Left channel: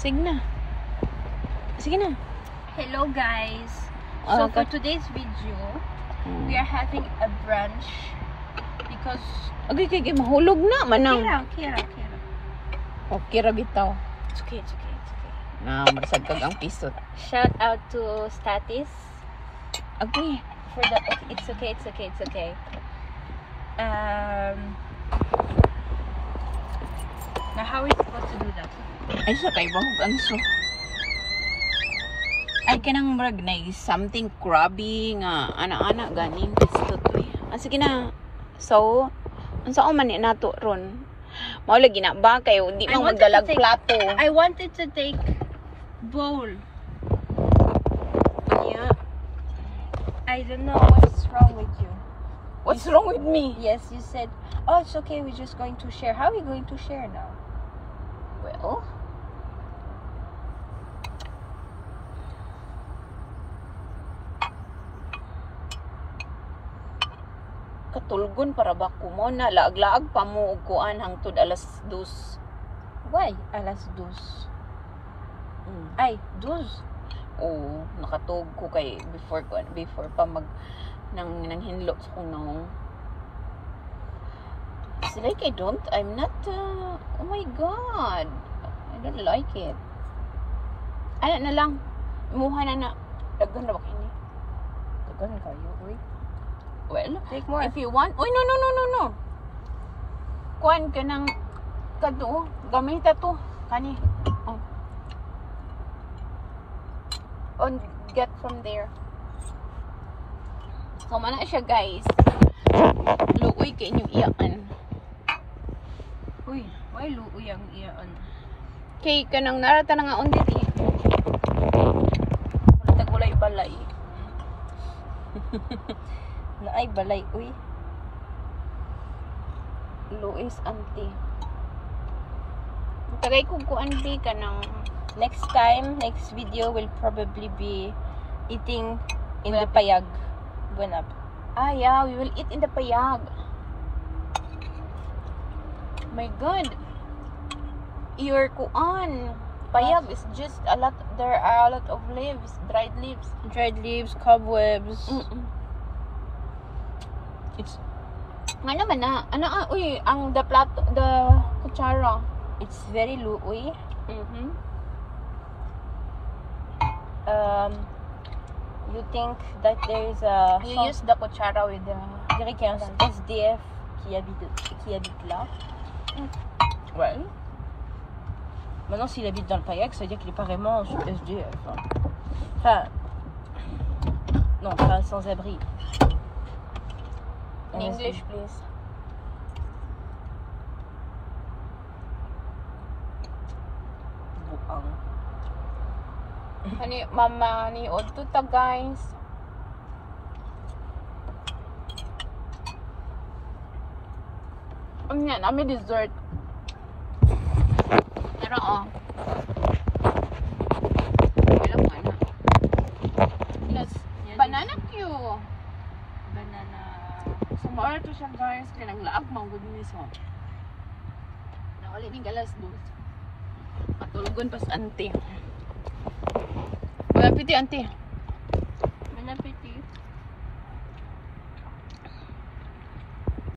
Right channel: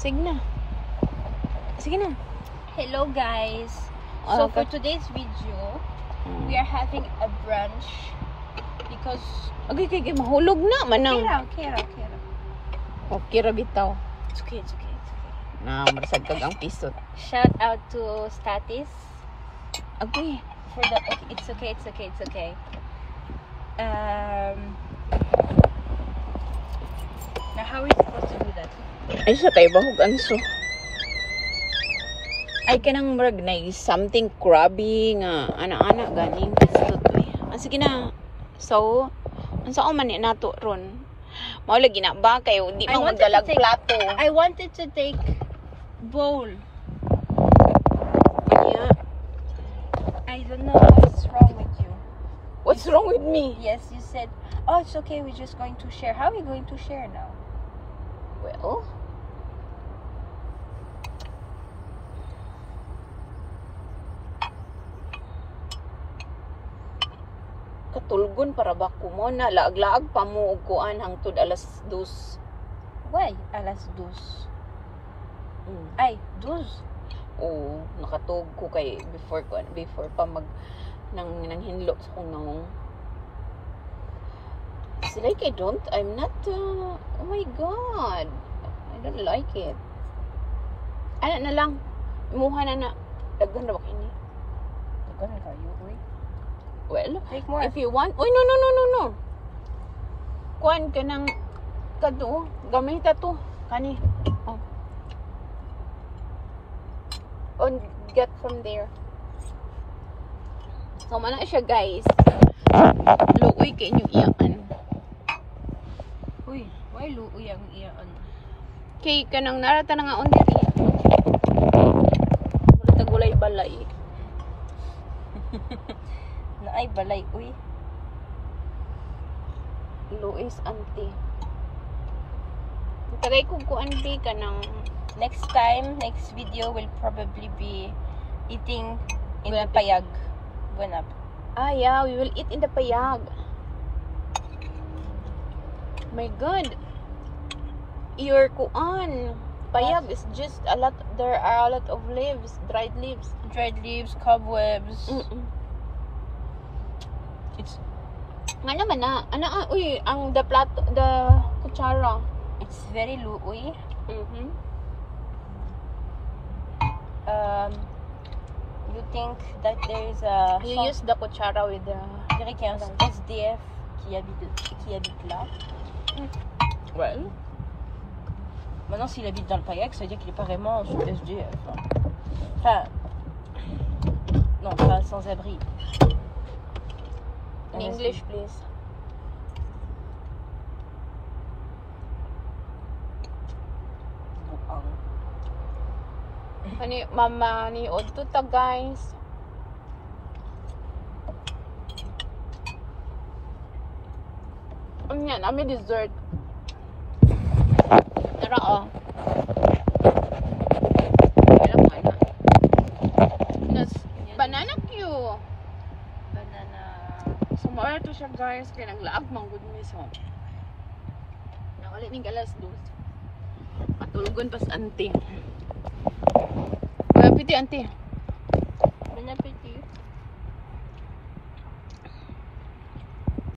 Sige na. Sige na. Hello guys. So Okay. for today's video, we are having a brunch because Okay, mahulog na manang. Kira. Okay ra bitaw. It's okay. Na marasag kag ang pisot. Shout out to Statis Okay. for the it's okay. Now how are we supposed to do that? Ay sa tayo bahog anso. Ay kanang murag na something crabby nga ana-ana ganing pisot eh. Sige na. So, unsa man ni nato ron? Mao lagi na ba kayo di mo magalag plato. I wanted to take bowl. Yeah. I don't know what's wrong with you. What's wrong with me? Yes, you said, oh, it's okay, we're just going to share. How are we going to share now? Well, katulgon para ba ko mo na laag-laag pa mo og kuan hangtod alas 2. Why? Alas dos. Ay, dos. O nakatug ko kay before pa mag nang hinlo sa kunong. It's like I'm not oh my god, I don't like it. Ano na lang muha na daghan ra ba kini? Tagal na kayo, uy. Well, Take more. if you want, no. Kuan ka ng kadto, gamita to. Kani. Oh. On get from there. So mana siya guys. Luoy kay inyo iyaan. Uy, why luoy ang iyaan? Kay kanang narata na nga under iya. Tagulay balay. Na ay balay, uy. Luis auntie. Tagay ko auntie ka ng Next video will probably be eating in the payag. Buwan up. ah yeah, we will eat in the payag. My god. Your kuan. Payag is just a lot, there are a lot of leaves, dried leaves. Dried leaves, cobwebs. It's Ano man na? Uy, ang the plato, the kutsara. very luoy. You think that there is a You use the kutsara with the dirait qu'il y a un SDF qui habite là. well. Maintenant, s'il habite dans le Payac, ça veut dire qu'il est pas vraiment SDF. Enfin, non, pas sans abri. In English, please. Ani mama ni odto ta guys. Yan, ami dessert. Tara oh. That's banana Q. Banana. So maor to siya guys kay naglaag man gud ni so. Nawala ni galas dos. Matulgon pas auntie. Piti auntie.